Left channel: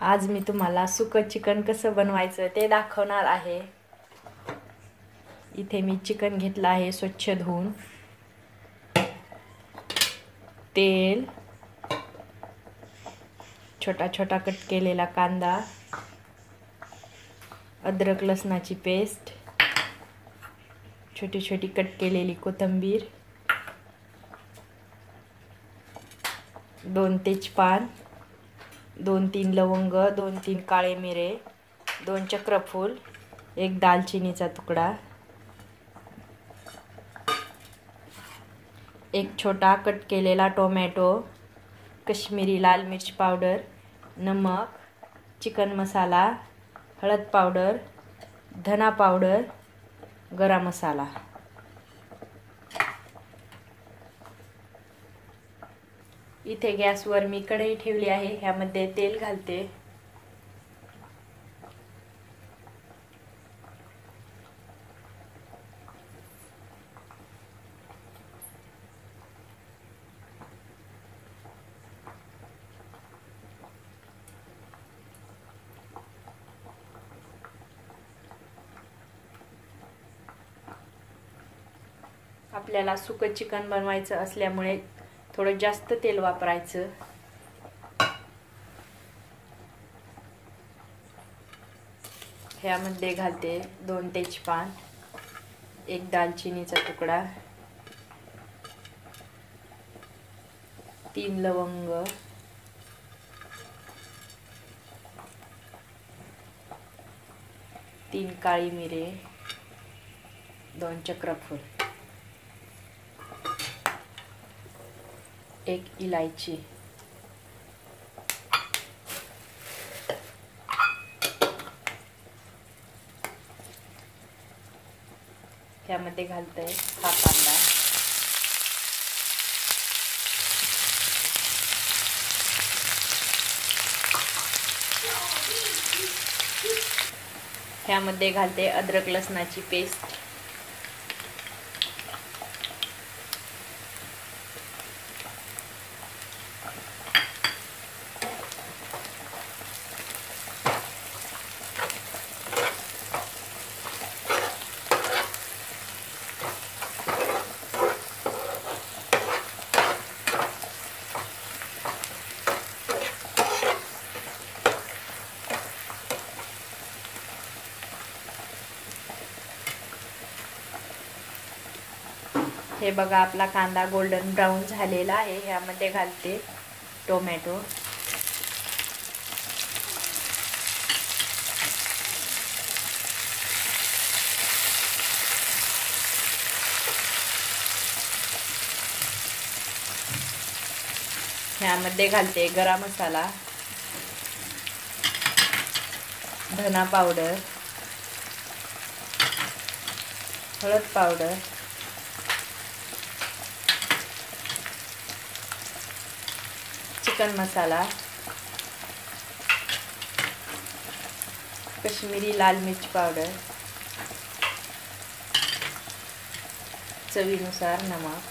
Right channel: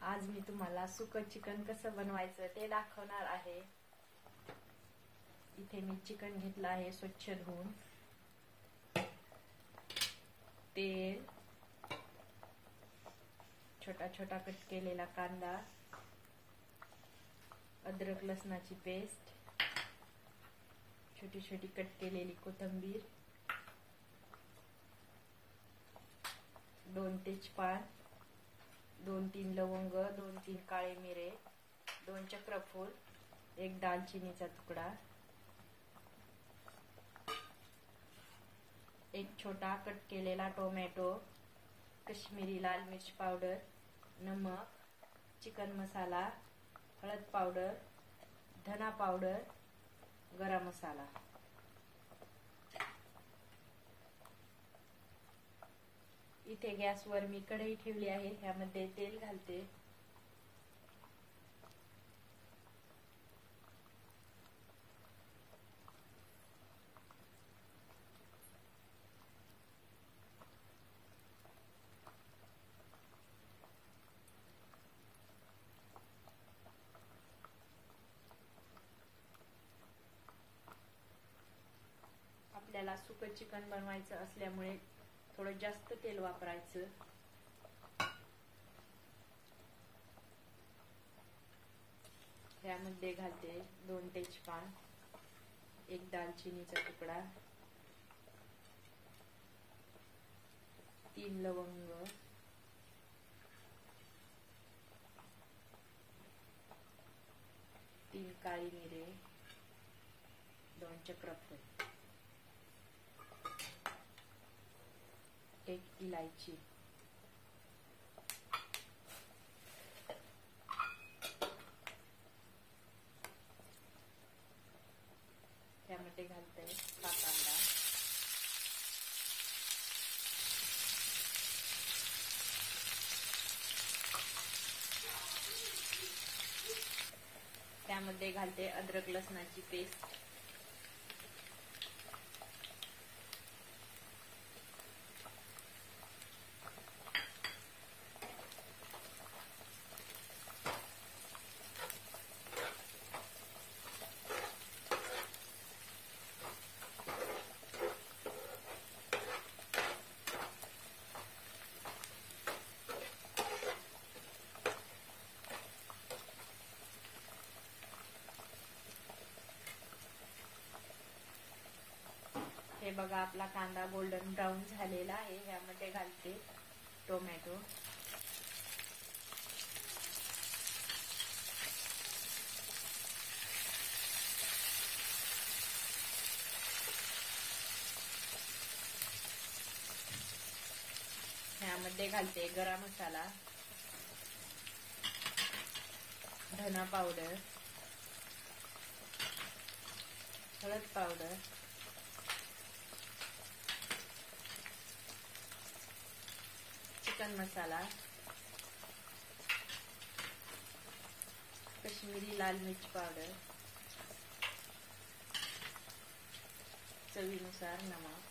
आज मी तुम्हाला सुकं चिकन कसं बनवायचं ते दाखवणार आहे। इथे मी चिकन घेतलं आहे स्वच्छ धुवून। तेल, छोटा छोटा कट केलेला कांदा, अद्रक लसणाची पेस्ट, छोटी छोटी कट केलेली कोथिंबीर, 2 तेजपान, 2-3 लवंग, 2-3 काळे मिरे, 2 चक्रफूल, 1 दालचिनीचा तुकडा, 1 छोटा कट केलेला टोमॅटो, कश्मीरी लाल मिर्च पावडर, नमक, चिकन मसाला, हळद पावडर, धना पावडर, गरम मसाला। इथे गॅसवर मी कढई ठेवली आहे। ह्यामध्ये तेल घालते। आपल्याला सुकं चिकन बनवायचं असल्यामुळे थोडं जास्त तेल वापरायचं। ह्यामध्ये घालते 2 तेजपान, 1 दालचिनीचा तुकडा, 3 लवंग, 3 काळी मिरे, 2 चक्रफूल, 1 इलायची, ह्यामध्ये घालते हा कांदा, ह्यामध्ये घालते अद्रक लसणाची पेस्ट, हे बघा आपला कांदा गोल्डन ब्राउन झालेला आहे। ह्यामध्ये घालते टोमॅटो, ह्यामध्ये घालते गरम मसाला, धना पावडर, हळद पावडर, चिकन मसाला, कश्मीरी लाल मिर्च पावडर, चवीनुसार नमक,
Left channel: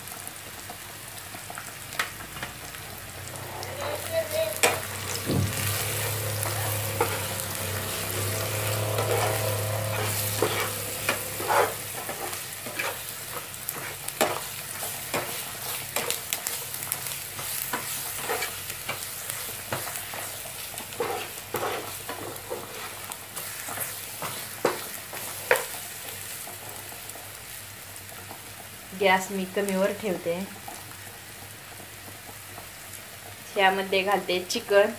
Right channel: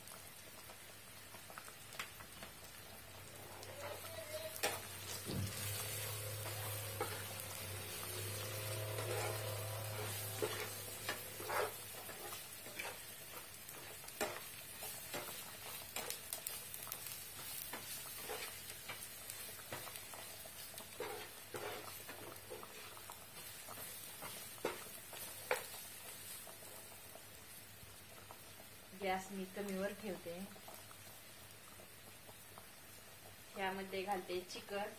गॅस मी कमीवर ठेवते। ह्यामध्ये घालते चिकन,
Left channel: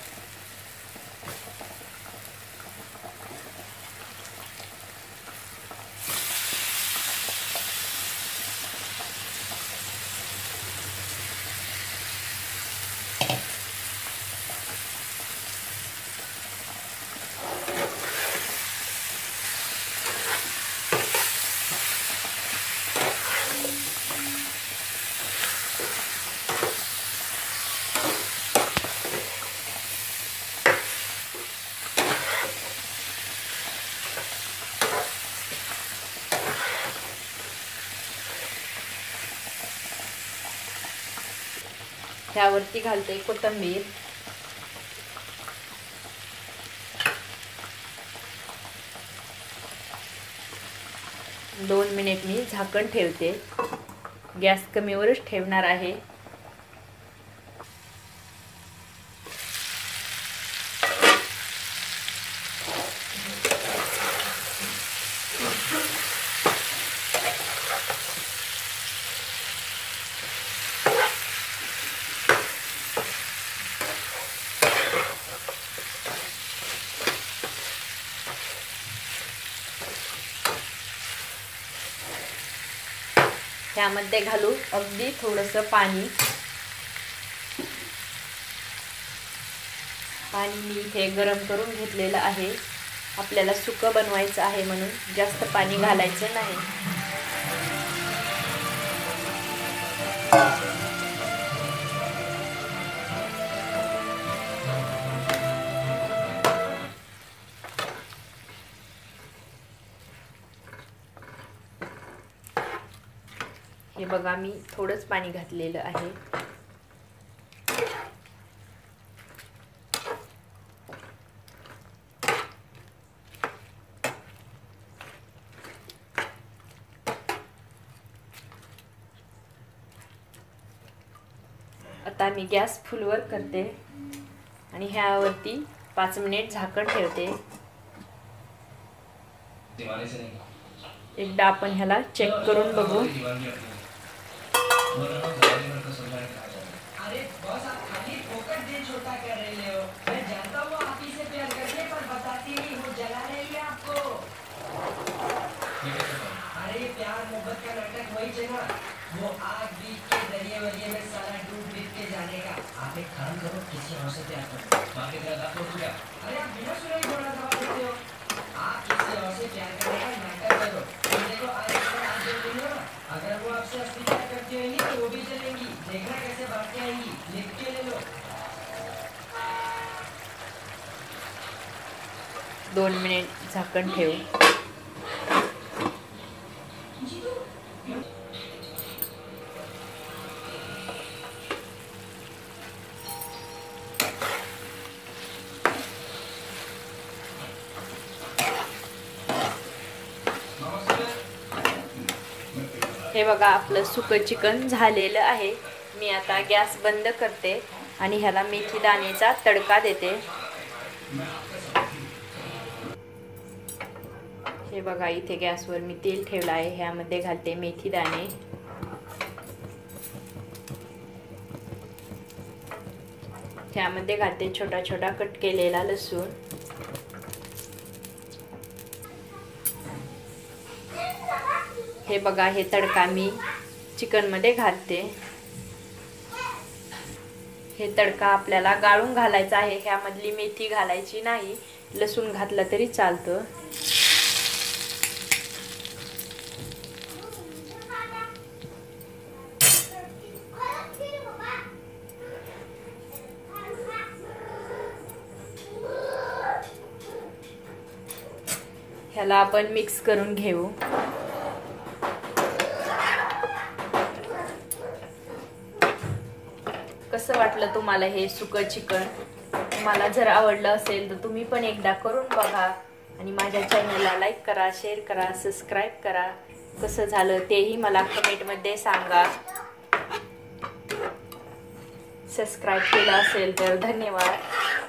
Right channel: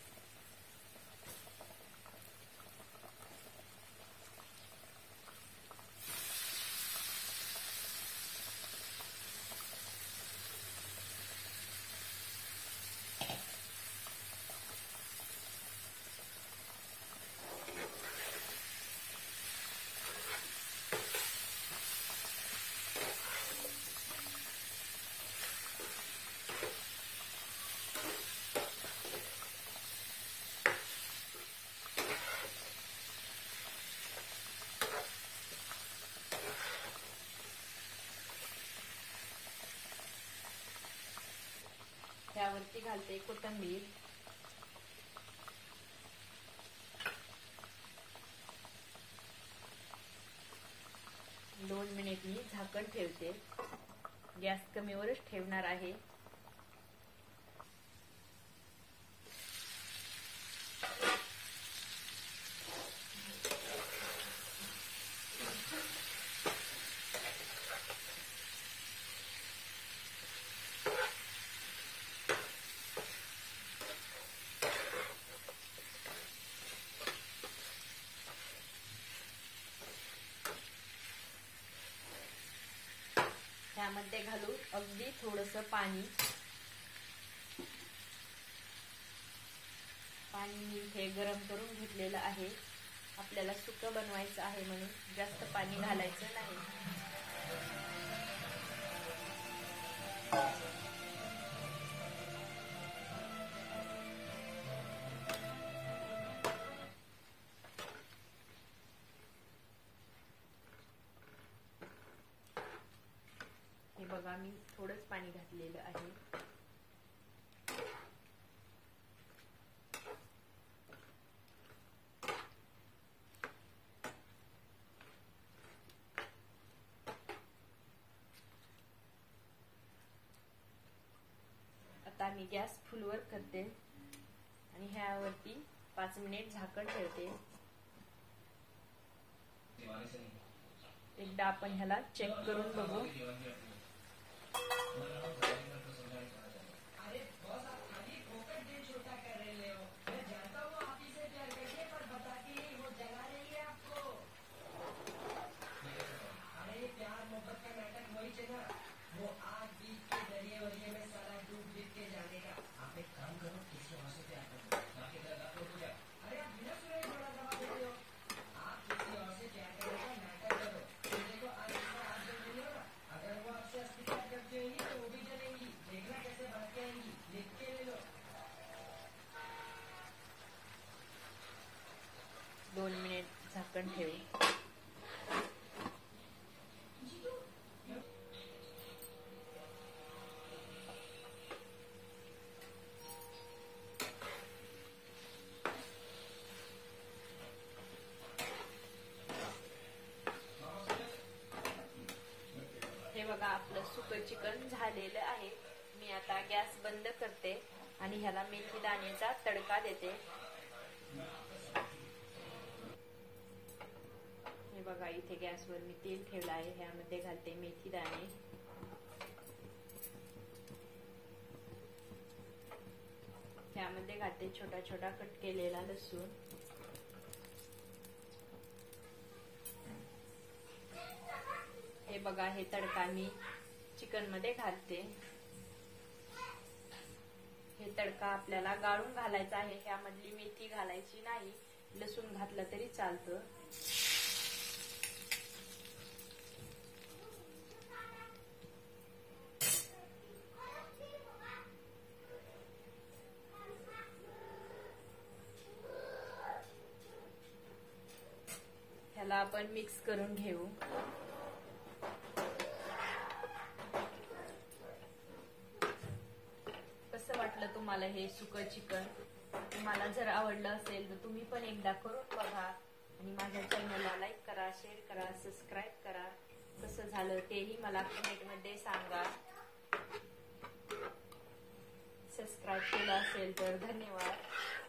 ह्यावरती घालते कोथिंबीर, 2 मिनिट मी झाकण ठेवते. गॅस कमीवरच ठेवणार आहे. त्यामध्ये घालू अगदी थोडंसं पाणी. मी इथे गरम करून घेतलेलं आहे. आपल्याला सुकं बनवायचं आहे म्हणून जास्त पाणी घालायचं नाही. हे बघा, मी थोडंच पाणी घातलेलं आहे. आता मी गॅस फुलवर करते आणि ह्यावरती 5 मिनिट झाकण ठेवते. एकदा आपण ह्याला चेक करून बघू. वो आग बीत के दरिए वरिए में सारा डूब बीत के जाने का। आप एक काम करो, किसी और से प्यार करो। बाकी तेरा तो हो गया। अरे आप बिना सुने ही बोलना दबा देते हो। आप किसी और से प्यार करने का नाटक करो। तुम देखो आज जो दिन हो ना, अगर वो आपसे असली प्यार करती होंगी तो वो भी चलेंगी। देखना कैसे भाग के आएंगी। लिख के ले लो। 2 मिनिट झाकण ठेवू. हे बघा, आपलं सुकं चिकन झालेलं आहे. मी आता गॅस बंद करते आणि ह्याला मेथी दाण्याचा तडका देते. हे बघा, इथे गॅसवर मी तेल ठेवलं आहे. ह्यामध्ये घालते मेथी दाणे. ह्यामध्ये घालते छोटा छोटा कट केलेला लसूण. हे बघा, हे तडका मी चिकनमध्ये घालते. हे तडका आपल्याला गाळून घालायचा आहे. ह्यामधली मेथी घालायची नाही. लसूण घातला तरी चालतं. ह्याला आपण मिक्स करून घेऊ. कसं वाटलं तुम्हाला हे सुकं चिकन? तुम्हाला जर आवडलं असेल तर तुम्ही पण एकदा करून बघा आणि माझ्या चॅनलला लाईक करा, शेअर करा, सबस्क्राईब करा. कसं झालं तेही मला कमेंटमध्ये सांगा. सबस्क्राईब केलं असेल तर धन्यवाद.